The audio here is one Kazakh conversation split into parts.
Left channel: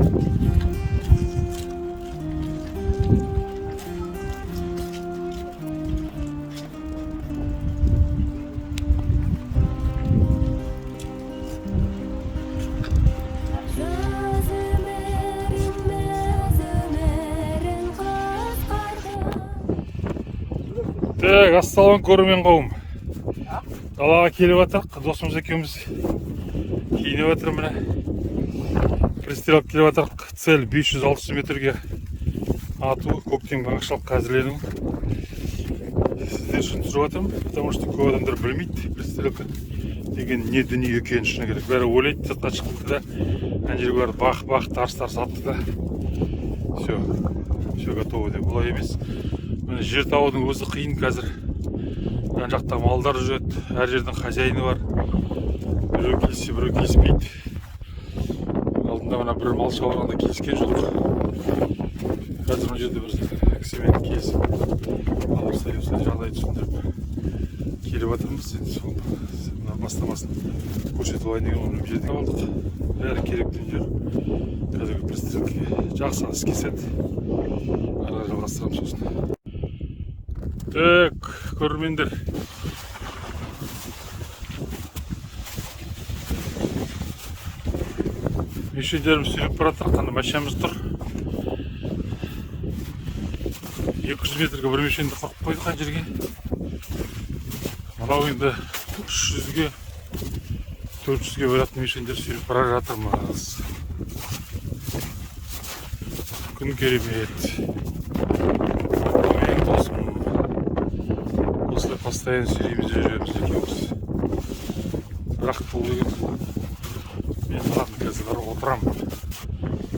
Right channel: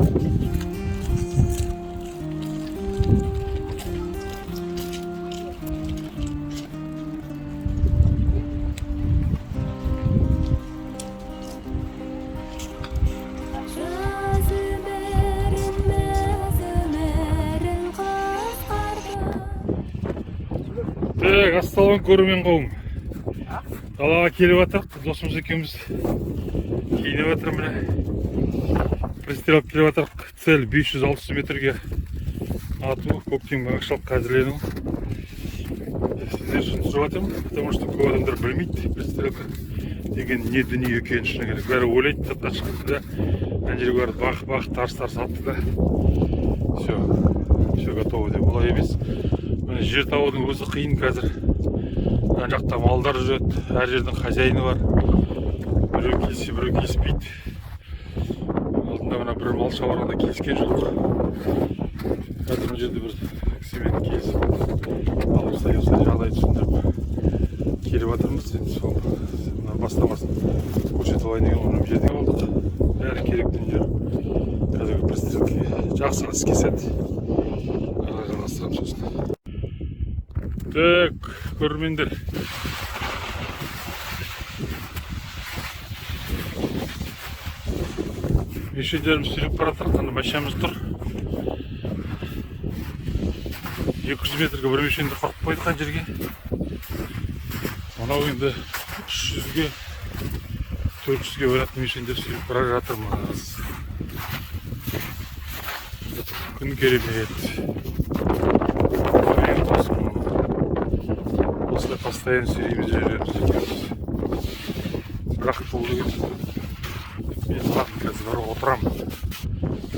Так, ассалаумағалейкум көрермен қауым. Далаға келіп жатырық, досымыз екеуміз киініп жатыр міне. Пристреліп келіп жатырық. Цель 500-600 метрге ату, көктемгі аңшылыққа әзірлену. Сіздер үшін түсіріп жатырмын, потому что көп адамдар білмейді пристрелка деген не дүние екенін шыны керек. Бәрі ойлайды, сыртқа шықты да, ана жерге барып бақ тарс атты да. Все готово деп. Олай емес. Жер табудың өзі қиын қазір. Жан жақта малдар жүреді, әр жердің хозяйны бар. Біреу келсе, біреу келіспейді. Алдында мына бір мал шабарғанда келіскен жоқ. Қазір мына жерде бір кісімен келісіп, алырсай жағдайды түсіндіріп келіп жатырмыз. Енді сол бастамасын көрсетіп алайын деген оның жерде болдық. Бәрі керек дүниелер қазіргі пристрелкеге жақсы іске сәт. Ара жалғастырамыз сосын. Так, көрермендер. Мешендеріміз сүйреп бара жатыр, қандай машинамыз тұр. 200 метрге бір мешенді құрып қойдық қан жерге. Мынау енді 300-ге 400-ге бөлетін мешендер сүйреп бара жатырмыз. Күн керемет. Осылай постоянно сүйреміз жүреміз екеуміз. Бірақ бұл деген мен қалатын қазір бар отырамын.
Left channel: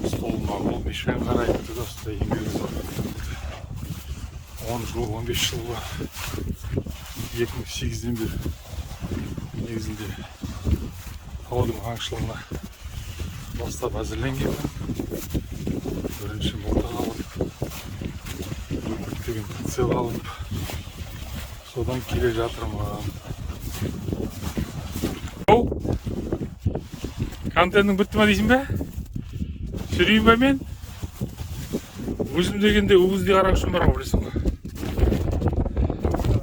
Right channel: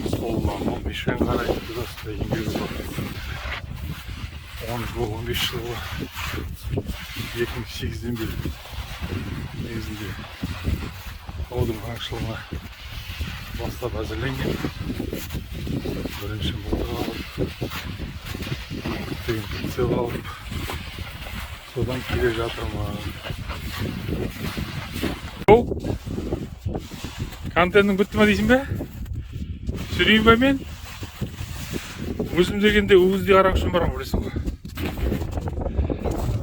Столыма бұл мешен қарайды да, осылай еңбегі бар. 10 жыл, 15 жыл бар. 2008-ден бері негізінде таудың аңшылығына бастап әзірленген. Бірінші мылтық алып, көптеген прицел алып, содан келе жатырмын. Контентің бітті ма дейсің бе? Сүрейін бе мен? Өзім дегенде өгіздей қарақшым бар ма білесің ғой?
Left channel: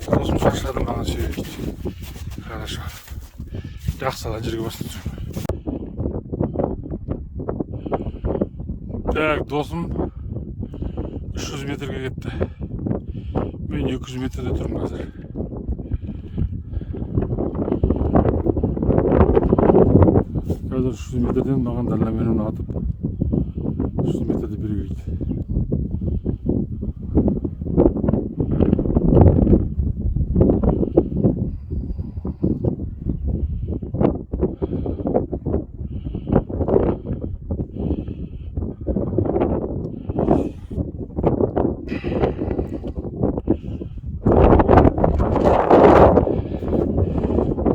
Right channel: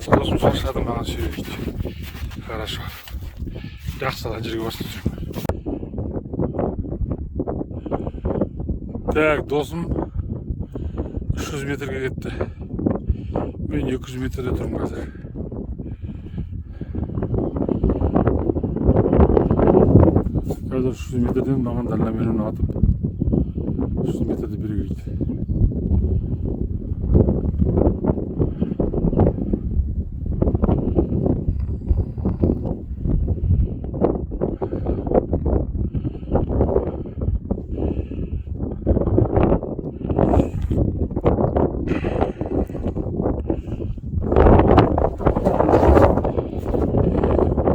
Досым шаршады маған сүйрейді. Хорошо. Жақсы ана жерге басын түсірейін. Так, досым 300 метрге кетті. Мен 200 метрде тұрмын қазір. Қазір 300 метрден маған дальномерно атып 300 метрде бері келді.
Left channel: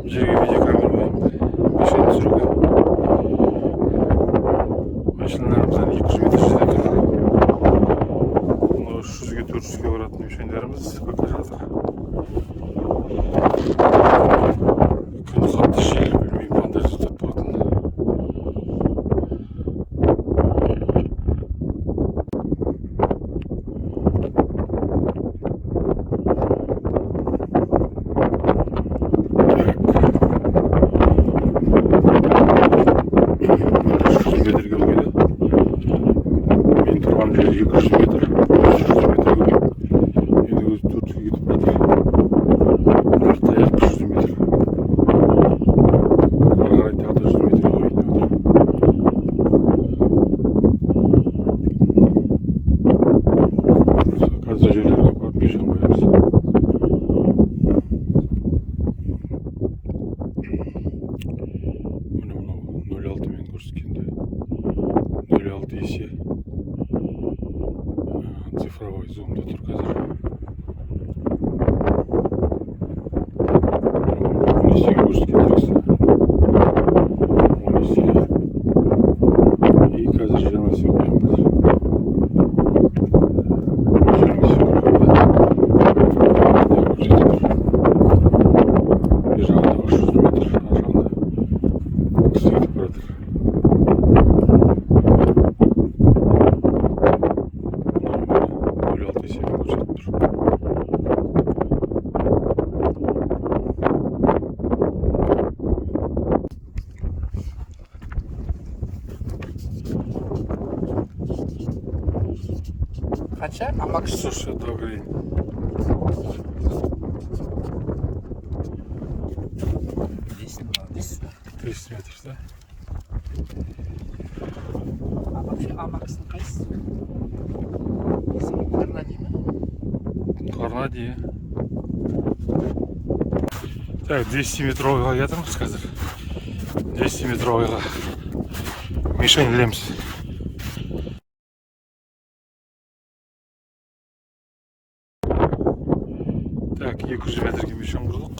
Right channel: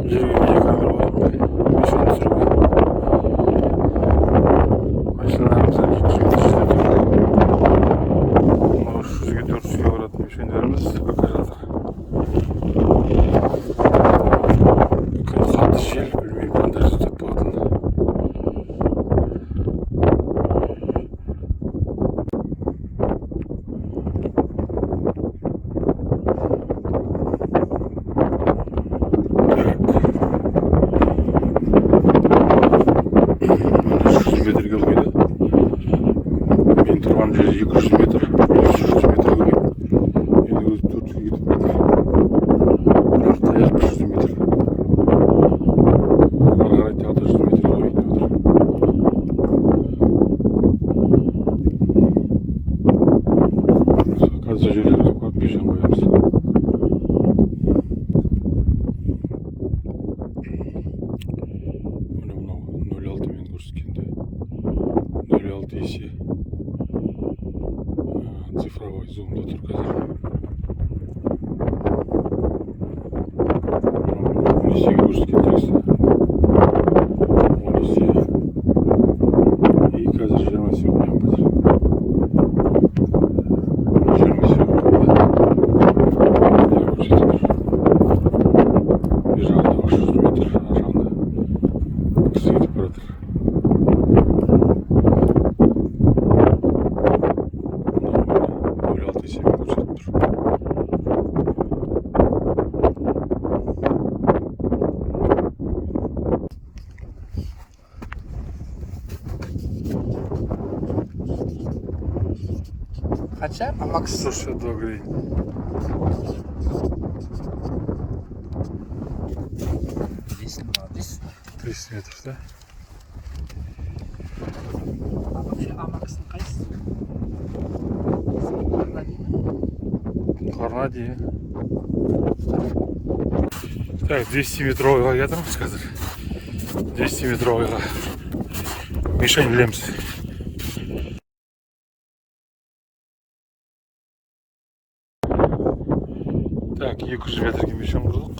Жерге неге камера қойдым? Мешен түсіруге. Машиналарымыздан 200 метр жерде тұр. Мынау 300-ге 400-ге баратын мешендеріміз бақа жатыр. Күн қатты жел, білмеймін қандай жүздеп болатын. Метрге өлгеді. Мен тұрған жер 200 метр, 300 метрге өлгеді. Енді өзі 400-ге кетіп барды. Бірақ таяқ 300 метр. Ары қарай тағы 100 метрге өлгеді. Қазір жерлерге барып мешен қоямыз. Міне мынау 0,6 мен көрсеткенде 0,6 есе цифровой зумда тұр қазір. 10 есеге көрсеткен тексті. 10 есе. И қазір 20 есе қоям қазір. 20 есе қоям. Көрсетіп тұр. Бір жағында 300 метр, ар жағында кісі кетіп баратыр. Қанша? Амакс. 162 гривен. Білесің, молодец. 300 метр, да? Амакстың қайсысы? Карнади ма? Карнади. Так, 200 метровыйға кетірміз қазір. 200 метровыйға мишень ілеміз. Так, 200 метрге мишень құрдық.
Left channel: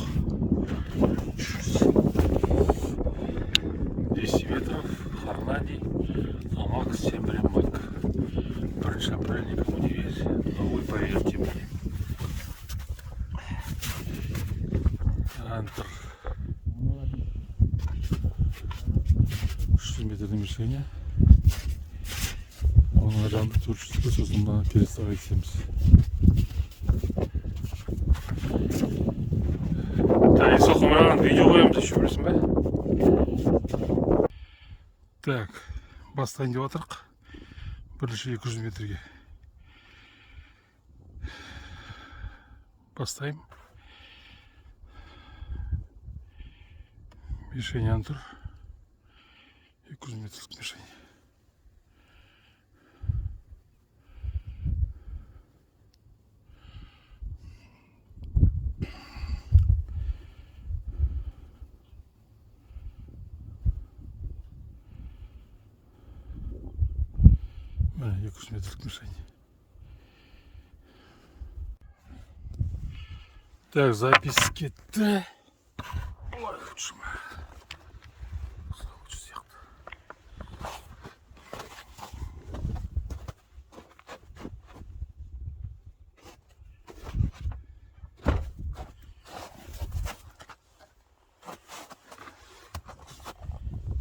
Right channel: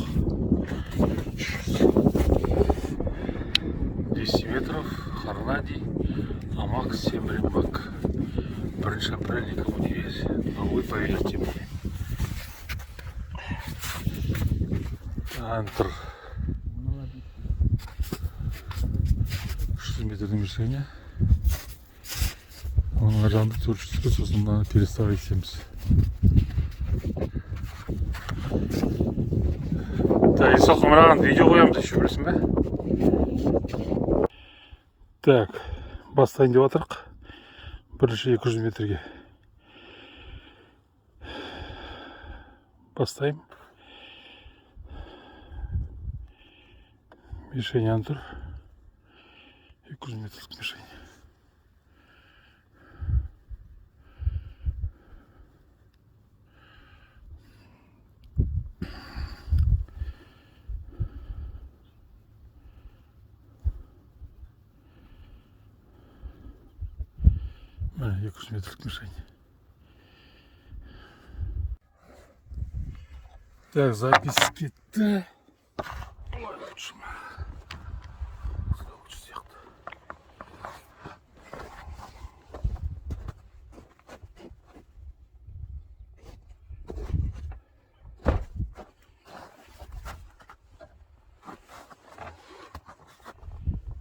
200 метров, Карнади, Амакс, Сембремак. 1 апреля никому не весь. Но вы поверьте мне. Антр. 300 метрдің мишені. Оның аржағында 400-ге сосын мынаны переставлять етеміз. Так, Исоқа мынаған видео қоямыз еще, білесің бе? Так, бастайын деп атырық. Бірінші 200 метрге. Бастайым. Мишень антур. 200 метрлік мишень. Міне 200 метрлік мишень. Так, запись кетті. Ой, лучше ма. Лучше сияқты.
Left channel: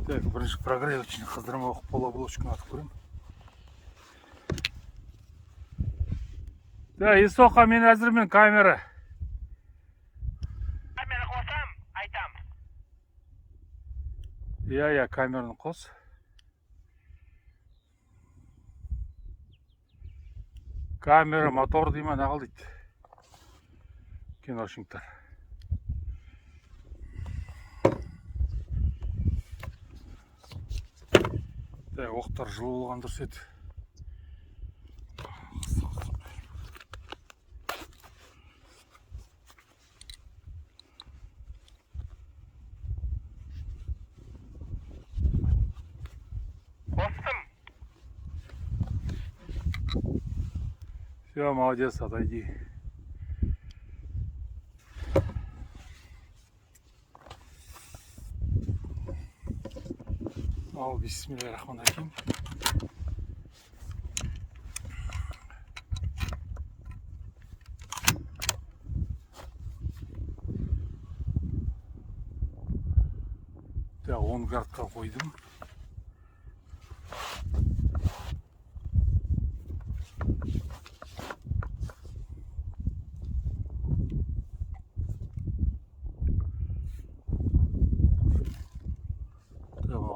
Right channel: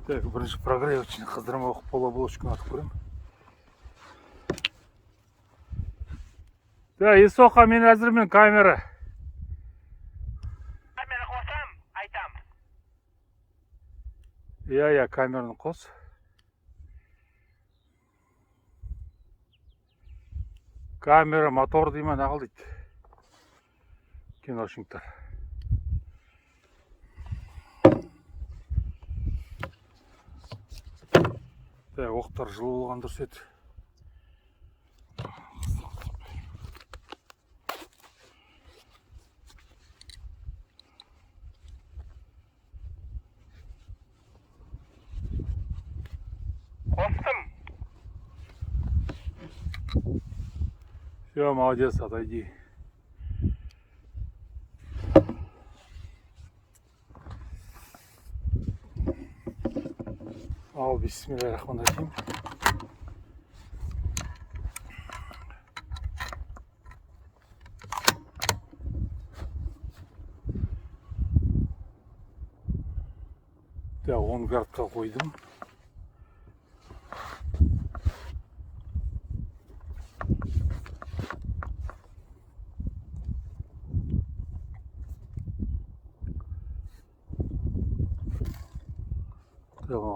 Так, бірінші прогревочный қыздырма оқып полуоболочканы атып көрем. Так, Исоқа, мен әзірмен камера. Камера қосам, айтам. Иә, камераны қос. Камера, мотор дейма, нағыл дейді. Киношниктар. Так, оқтар жылы болған дұрыс еді. Қостым. Все, молодец, отойди. Ал, бисмиллахиррахманиррахим. Так, 10 градқа қойдым.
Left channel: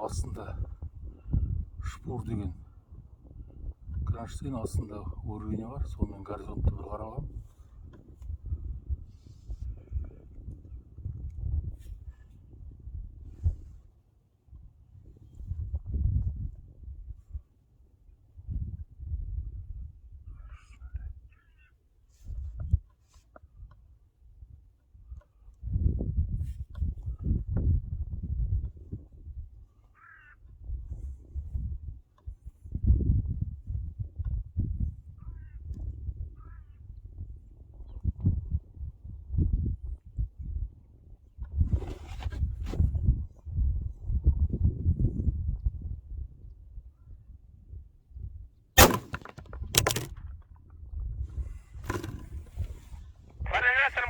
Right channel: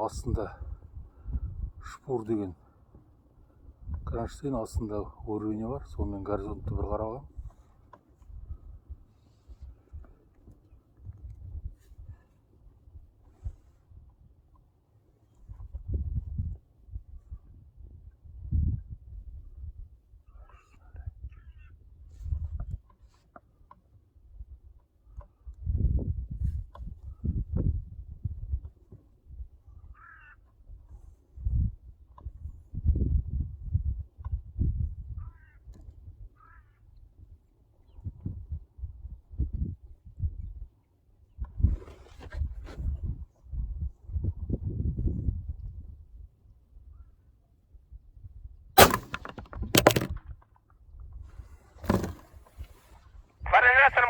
Астында шпур деген кронштейн, астында уровень бар, сонымен горизонтты бір қаралған.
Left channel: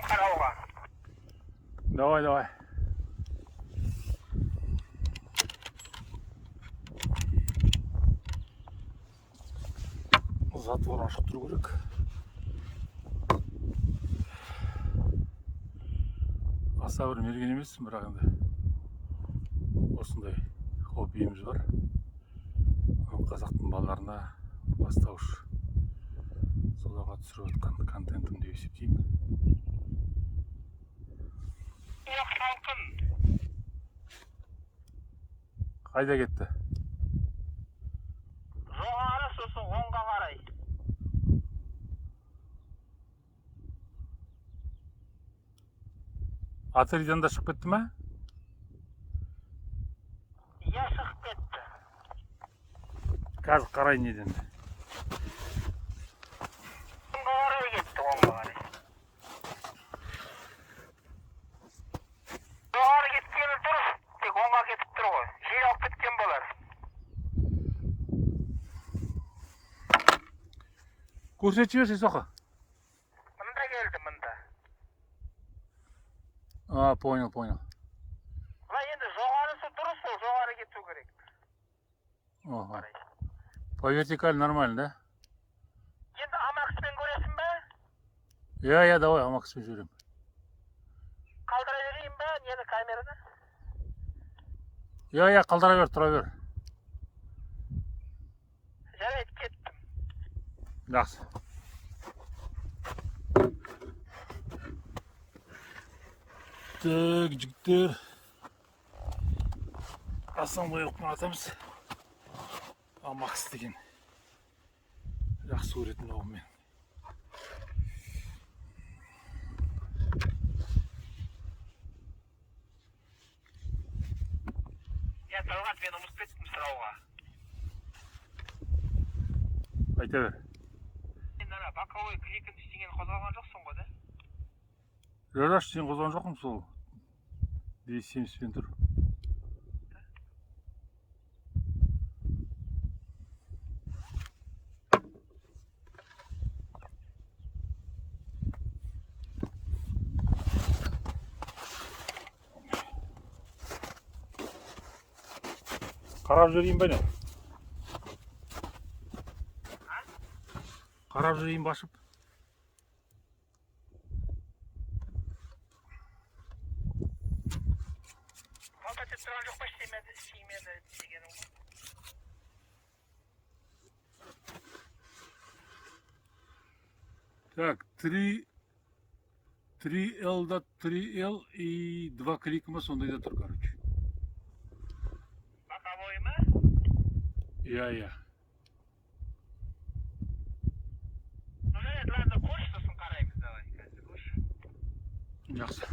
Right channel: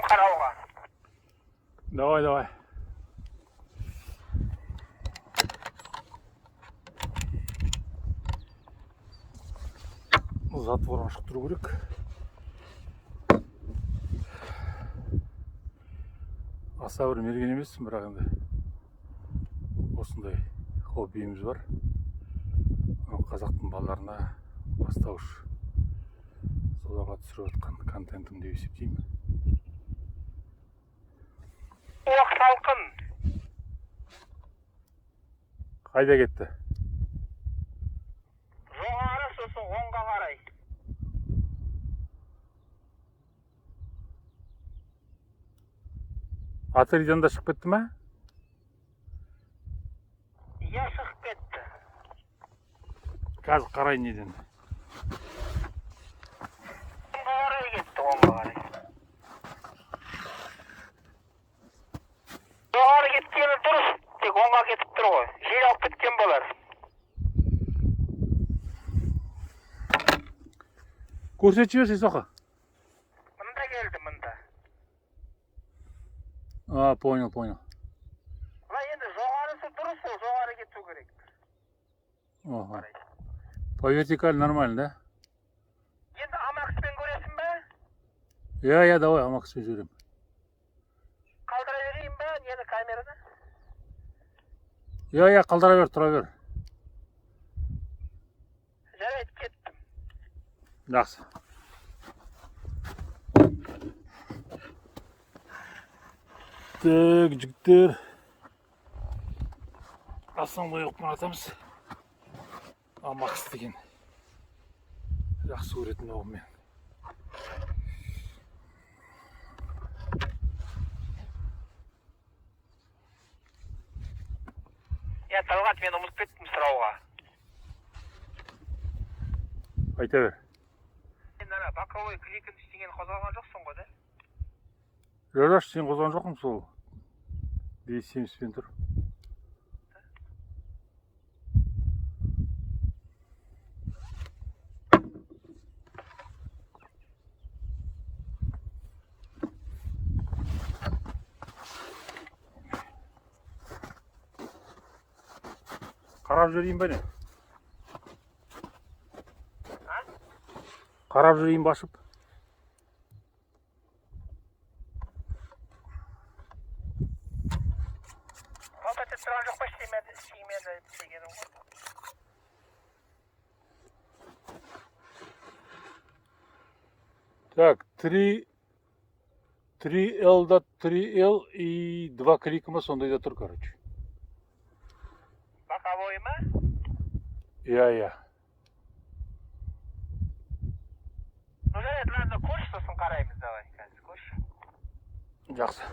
қарауға. Давай. Затвор ашып тұру керек. Аса бір мерген емеспін, бірақ енді осындай хоббиіміз бар. Қазақтың балаларына бастауыш солаға түсіріп жатқан контентім деп есептеймін. Оқ салқын. Қайда кетті? Жоғары сосын оңға қарай. Атырдан да шығып кетті ме? Иә, шығып кетті. Қазір қарай неден? Оңға қарай кетті, оңға қарай. Жоғары кеткені дұрыс, тек оңға кетіп тұр ғой. Жел алып кеткен болар. Көрсетіп жіберші соқы. Мында келді, мында. Понял. Бұлай енді жоғарысы дұрыс, ол жоғары кету керек. Ага. По вертикаль нормально, да? Енді амакспен көресің бе? Я, давай, амакспен жүрем. Қалдыра берейін бе, нені камераны? Я, қалдыра бер, тұра бер. Жарайды, кеттім. Жақсы. Так, жігіттер. Ассамблея оқып атамыз. Амакс деген. Жақсы көретін оғым мен. Я Талғат, мен ұмытып кеттім сұрауға. Айта бер. Сен ана боковой кликін ештеңені қозғалған жоқсың ғой, да? Жораш, сен қозған жоқпын сол. 270-пен тұр. Қарап жүрейін бе не? Қарап жүрейін башып. Қалта тұрған жоқ па істеймеді дегенім ғой. Так, 3L да 3L и 2 кликіма сондайда тұр, короче. Боковой ма? Я. Ну, жарайды, ладно, көш, сосын қараймыз, давай, қазір көш. Жақсы.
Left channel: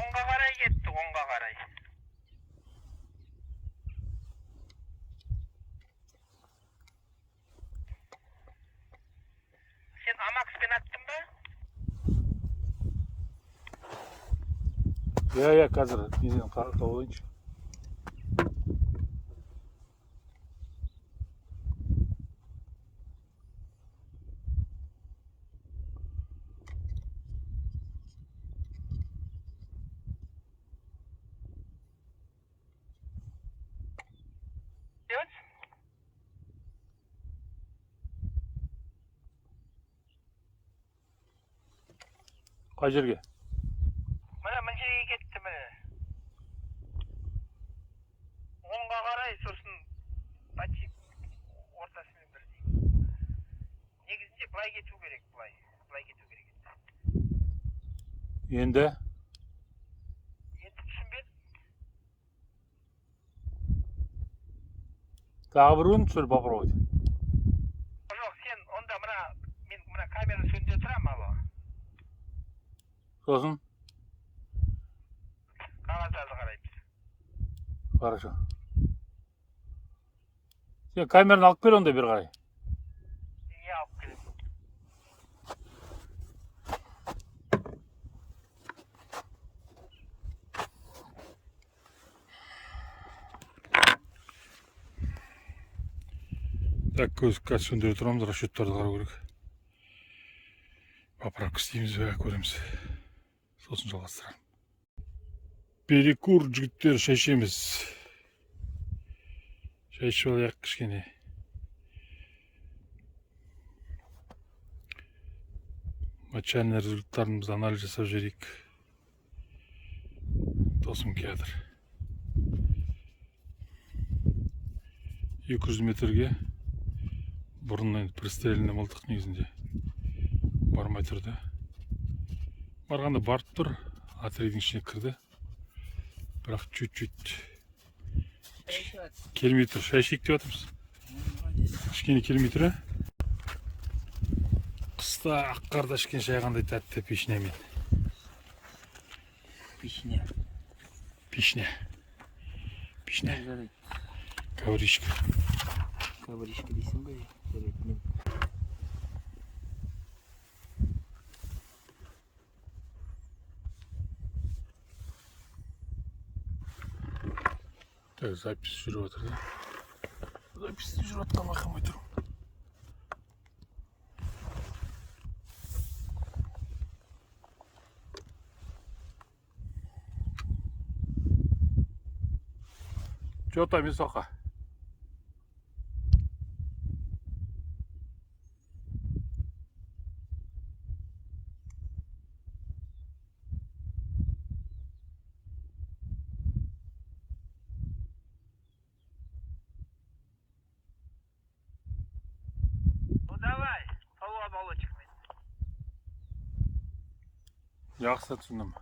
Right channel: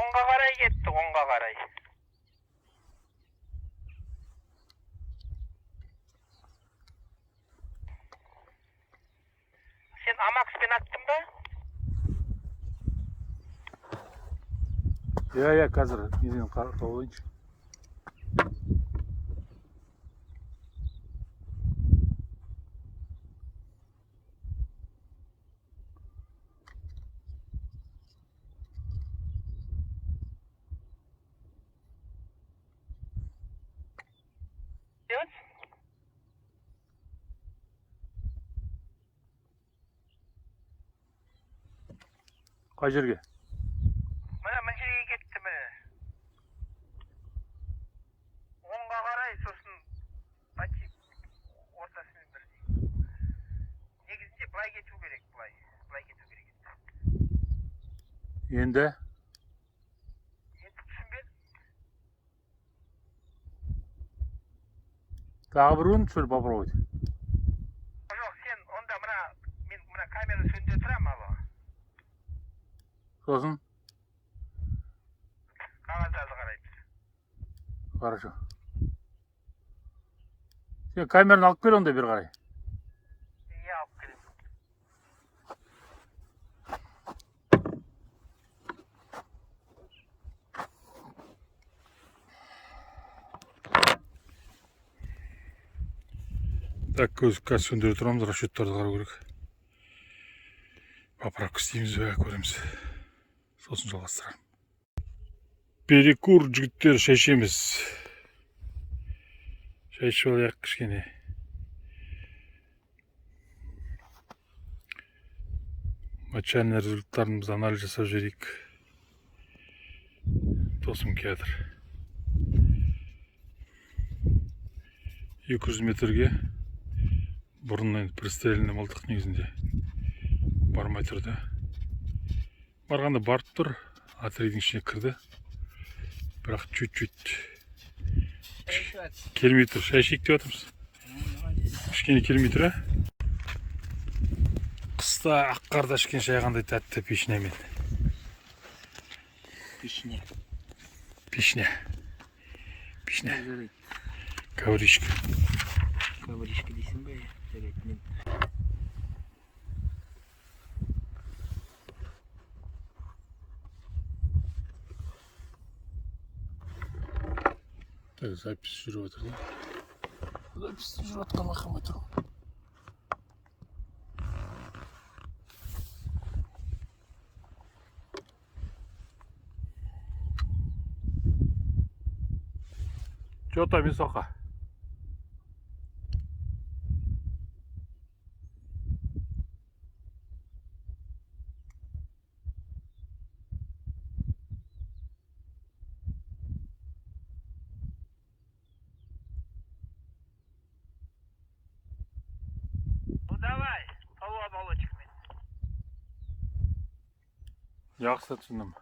Оңға қарай кетті, оңға қарай. Сен амакспен аттың ба? иә қазір неден тауып алайыншы. Yok. Қай жерге? Mına жерге кетті міне. Оңға қарай сосын почти ортасымен бірдей. Негізінде былай кету керек, былай кету керек еді. Енді Енді түсінбедім. тағы бір өң түсір попробуй. Жоқ, сен онда мен мына камера сөндіре тұрамын алға. Сосын Қағаздарды қараймыз. хорошо. Сен камераны алып кел онда бері қарай. Иә, алып келемін. Так, қазір сөндіре тұрамыз, расчеттарды қарау керек. Поправка істейміз бе, көреміз. Сосын жалғастырамыз. Перекур жігіттер, шай ішеміз. Шай ішіп алайық кішкене. Матчаның результаттарымызды анализ жасап жіберейік. Досым келді. 200 метрге бұрыннан пристреліне мылтық негізінде бармай тұрды. Барғанда барып тұр, отрядың ішіне кірді. Бірақ чуть-чуть келмей тұр. Шай ішейік деп жатырмыз. Кішкене келмей тұр, қыста ақ қарда ішкен шай қандай тәтті пешнемен. Пешне. Ковришка. Ковришка дейсің бе? Жарайды, мен. Так, запись жүріп жатыр да. Запись жүріп жатқан байқамай тұрмын. Че там, Исоха? Ну давай, полу оболочками. Жақсы түсіндім.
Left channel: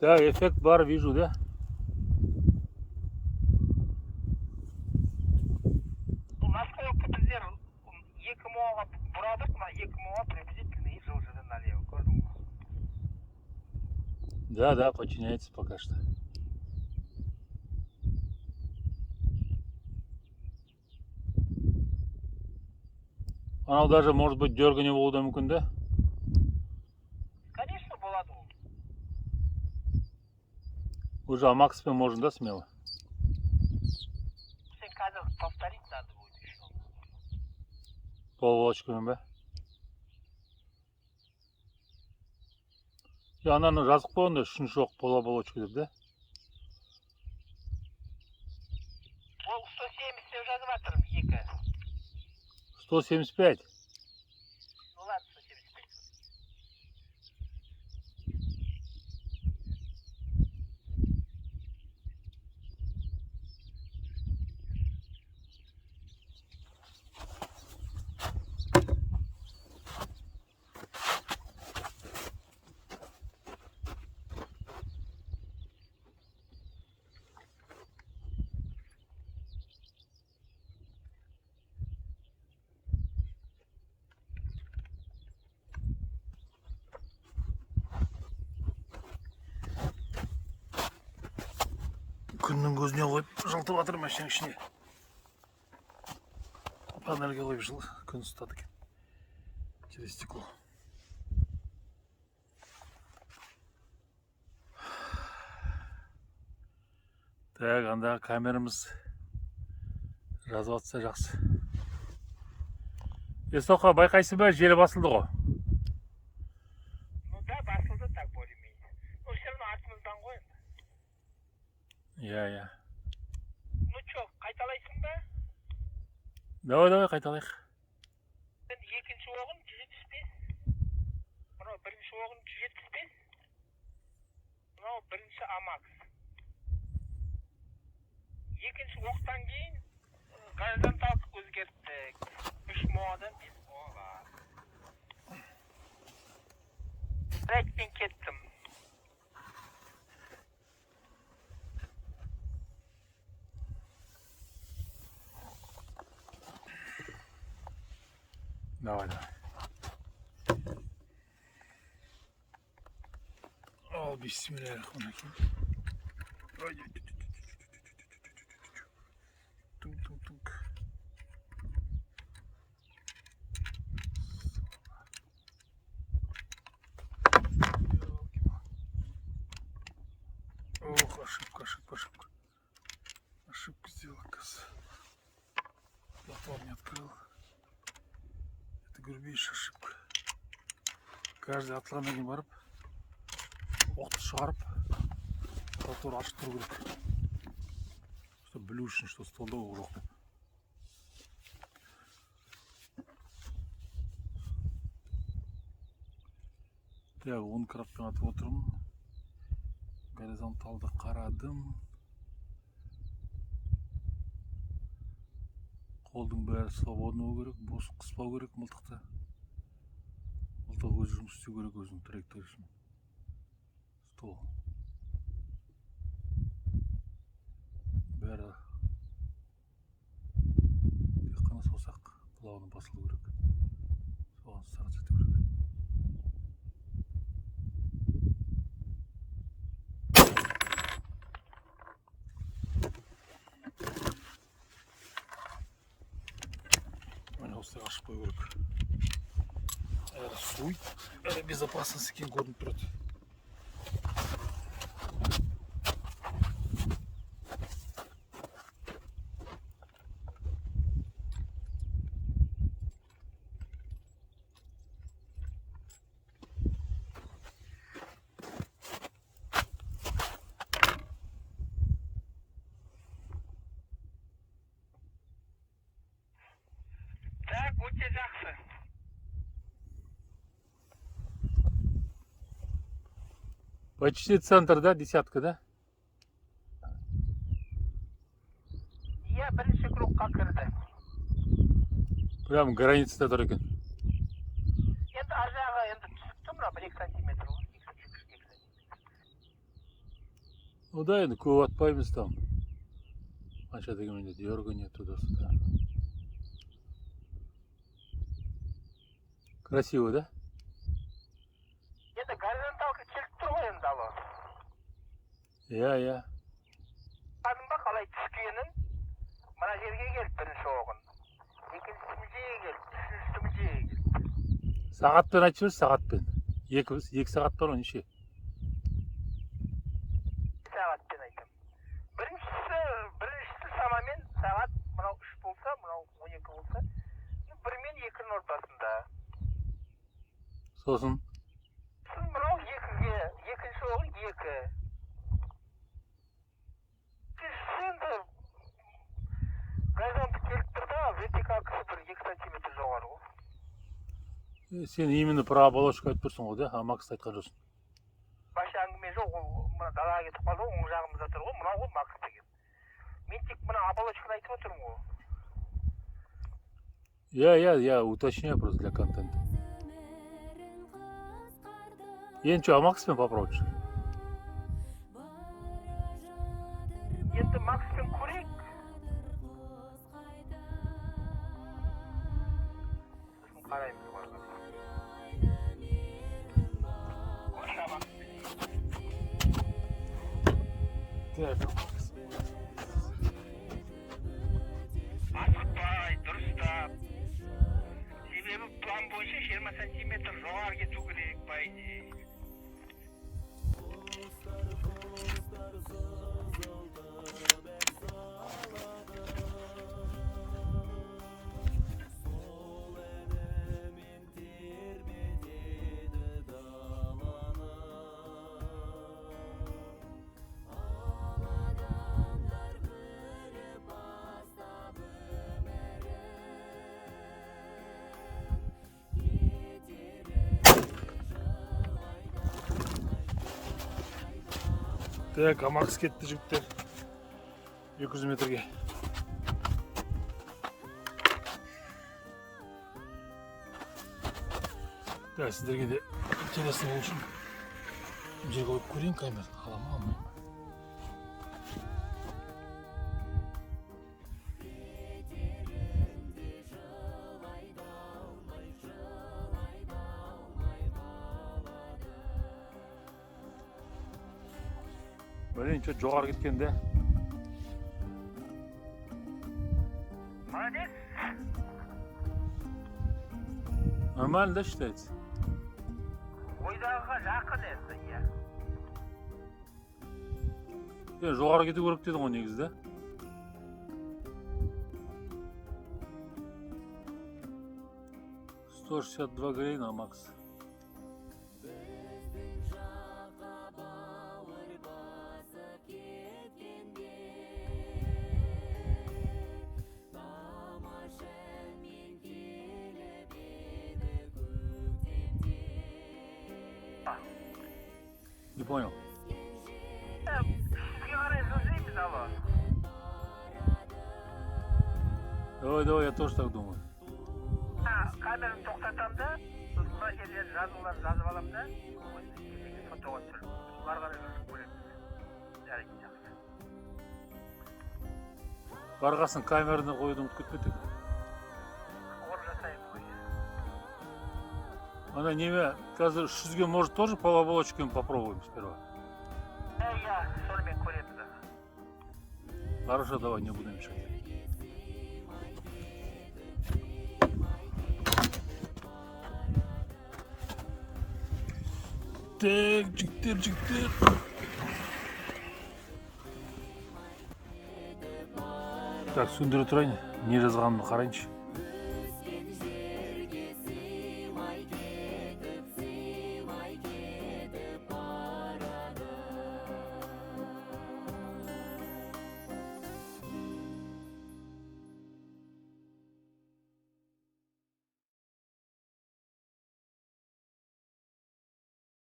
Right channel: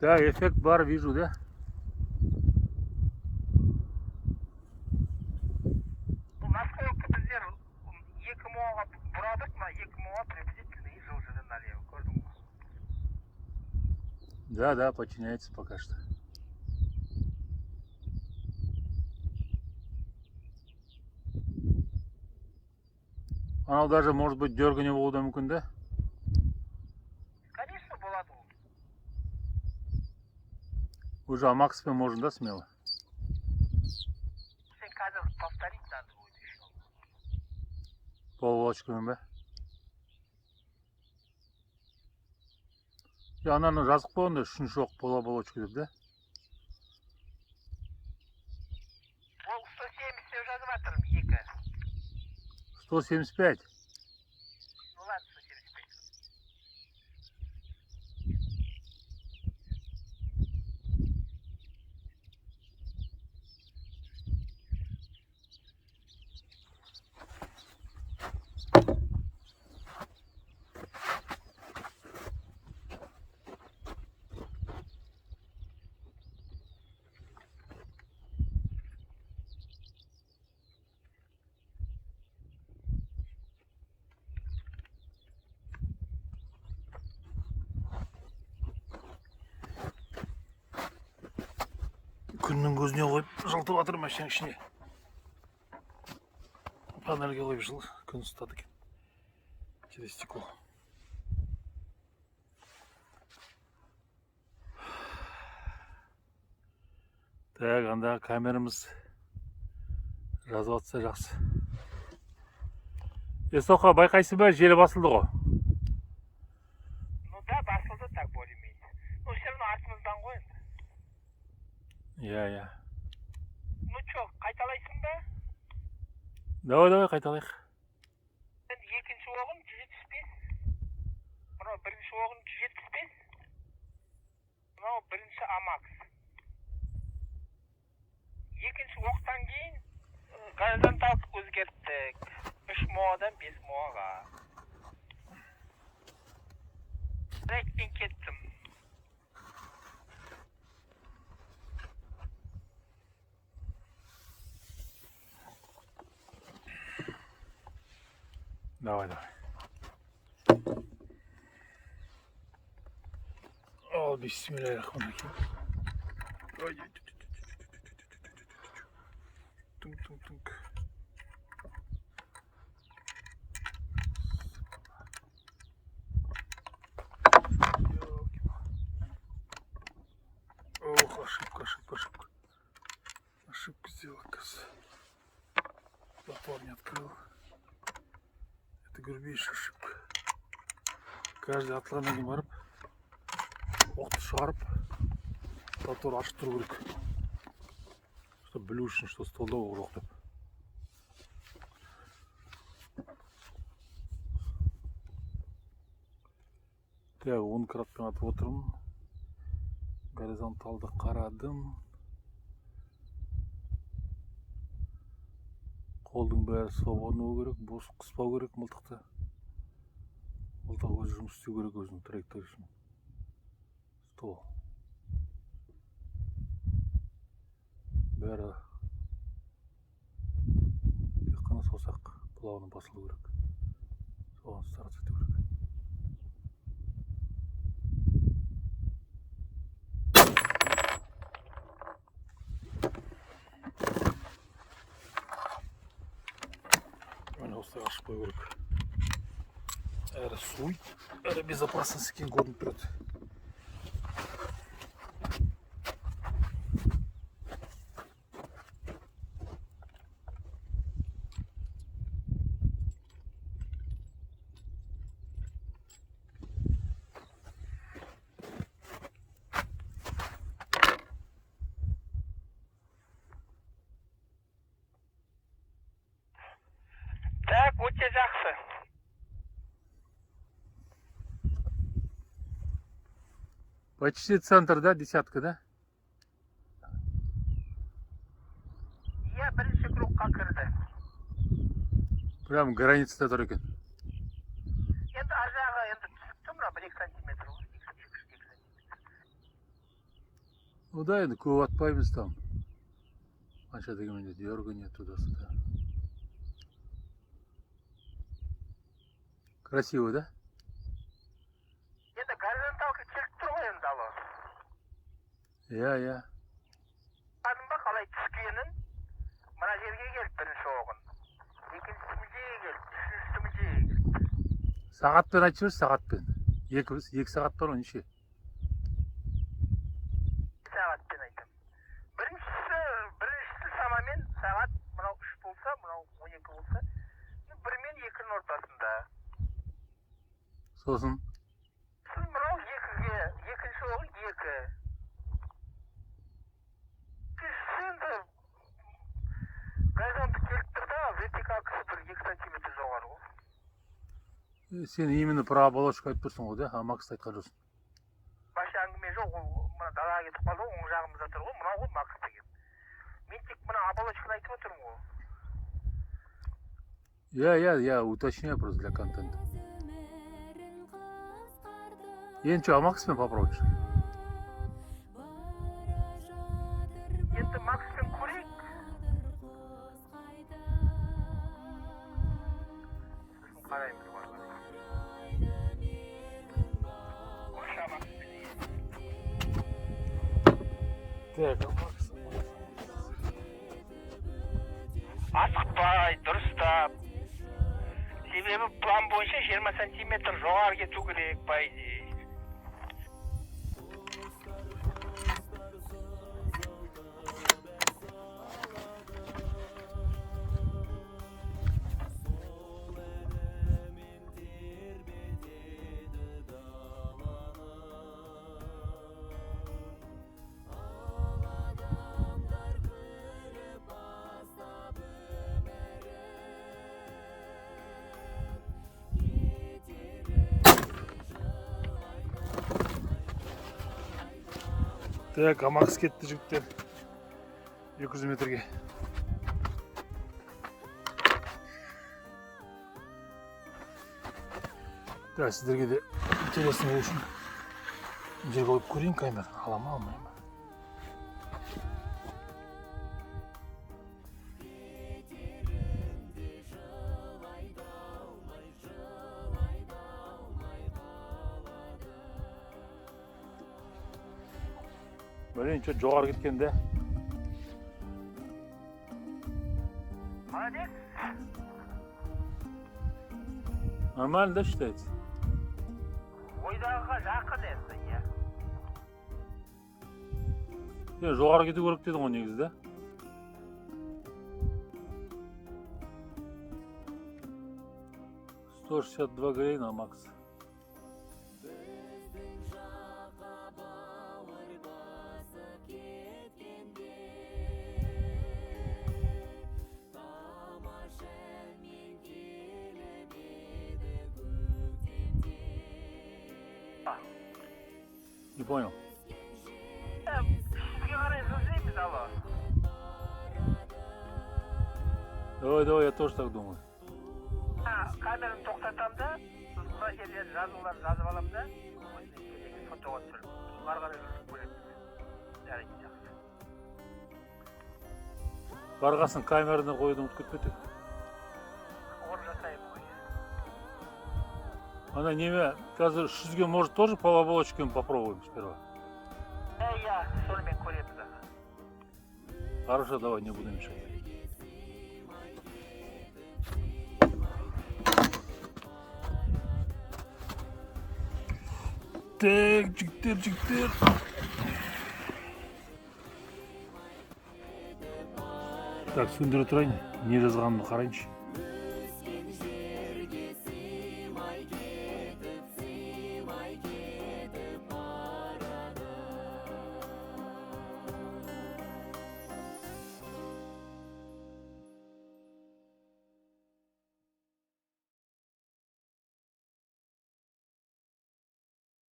Да, эффект бар, вижу, да? Насколько біздер 2 моға бұрадық, мына 2 моға приблизительно и жылжыды налево. Көрдің бе? Да, подчиняется пока что. Анау даже, может быть, дергание болуы да мүмкін да? Конечно, болады ол. Уже Амакспен можно, да, смело? Сен қазір повторить надо будет еще. Полволочкамен ба? Ананы жазып қойғанда үшінші оқ полволочка деп да? Ол 170 деп жазып жатырмын, 2. 175. Ну ладно, 175. Күннің көзіне қойып жылтып жатыр машинаның ішіне. Панельге қойып күн ұстады екен. Через стекло. Так, анда камерамыз жазып жатса жақсы. Естоқа, байқайсың ба, желі басылды ғой. Ну да, басылды так более-менее. Ну все равно артымыздан ғой енді. Иә. Ну чё, қайталайсың ба? Давай, қайталайық. Енді екінші оғын 175. Мынау бірінші оғын 175. Мынау бірінші Амакс. Екінші оқтан кейін горизонталка өзгерттік. 3 моадан 5 моаға. Мен кеттім. Давай. О, бисмиллахиррахманиррахим. Тунг. Ох, ошибка. Ошибку сделал, оказывается. Затвор не открыл. Это грубейшая ошибка. Каждый атланнан барып, оқты шығарып, затвор ашып тұру керек. Чтобы білу үшін, что столда оқ жоқ деп. Так, 10 градпен атып отырмын. Горизонталды қарадым. Қолдың бәрі свободны болу керек, бос қыспау керек мылтықты. Мылтық өзі жұмыс істеу керек өзінің траекториясымен. Стол. Бәрі тек қана саусақ плавно басылу керек. Соған старт ету керек. Міне осылай ашып қою керек. Әрі суй, әрі безопасность екен көрініп тұрады. Так, өте жақсы. Почти центр, да, десятка, да? Иә, бірінші кругқа кірді. Прям границада тұр екен. Енді ар жағы енді түсіпті, мына 1-2 сантиметр. Ну да, енді көп атпаймыз там. Қанша дегенде дергание туда-сюда. Красиво, да? Енді горизонталка келіп тұр ғой енді ало. Иә. Бадың ба қалай түскенін? Мына жерге келіп бірінші оғын. Екіншісі мүжеге келіп, үшіншісі жерге Сағатпен айтып жіберші, сағатпен. 2 сағат бар ғой неше? сағатпен айтамын. Біріншісі шамамен сағат мынау 3 болса, мынау 12 болса, 1 мен 2-ның ортасында. Сосын Сіз мынау 2-ге, екінші ол 2. Сіз енді горизонты келіп тұр да, вертикалкасы бір 2 сантиметр жоғары ғой. сен именно про оболочка айтып тұрсың ғой, да? Максты айтқан жоқсың. Башы әңгіме жоқ, ол мына далаға кетіп қалды ғой, оң жағымызда тұр ғой, мынау ғой Макс деген. Мен тек мына оболочканы айтып отырмын ғой. Я уточняю просто для контента. Енді что, Макспен попробуешь? Енді Макспен көрейік. Қараймыз. Так, Макс. Асықпай, дұрыстап. Себебі план бойынша 20 сантиметр жоғары кету керек, по идее. Так, Макс кетті жігіттер. 200 метрге. Да, сіздерге де интересный болу үшін бұл жерге қойып көрейін камера. Аламын, алмаймын. Блин, что жоғары кеткен де. Молодец. Нормально, да, считается? Ойдағыға жақын енді, иә. Жоғары кету керек дедің ғой негізі, да? $162 гривна, Макс. Не понял. Сізге қарай жылжимыз, алло. Давай, я тоже так думаю. Камераны тоқтатам да, мына жерден жазуларды жазып алам да, фотоға түсіріп. Соларға қарай жүріп көреміз. Жарайды, жақсы. Барғасын камераны қоюды ұмытып кетпедік. Орын жасаймыз ғой. Она неме, қазір 300-ге может тоже по оболочкам попробуем сперва. Я сонымен көреміз. Хорошо, давай, не будем мешать. Так, жігіттер. Так, сөндіре тұрайын. Не жазғанымды қарайыншы.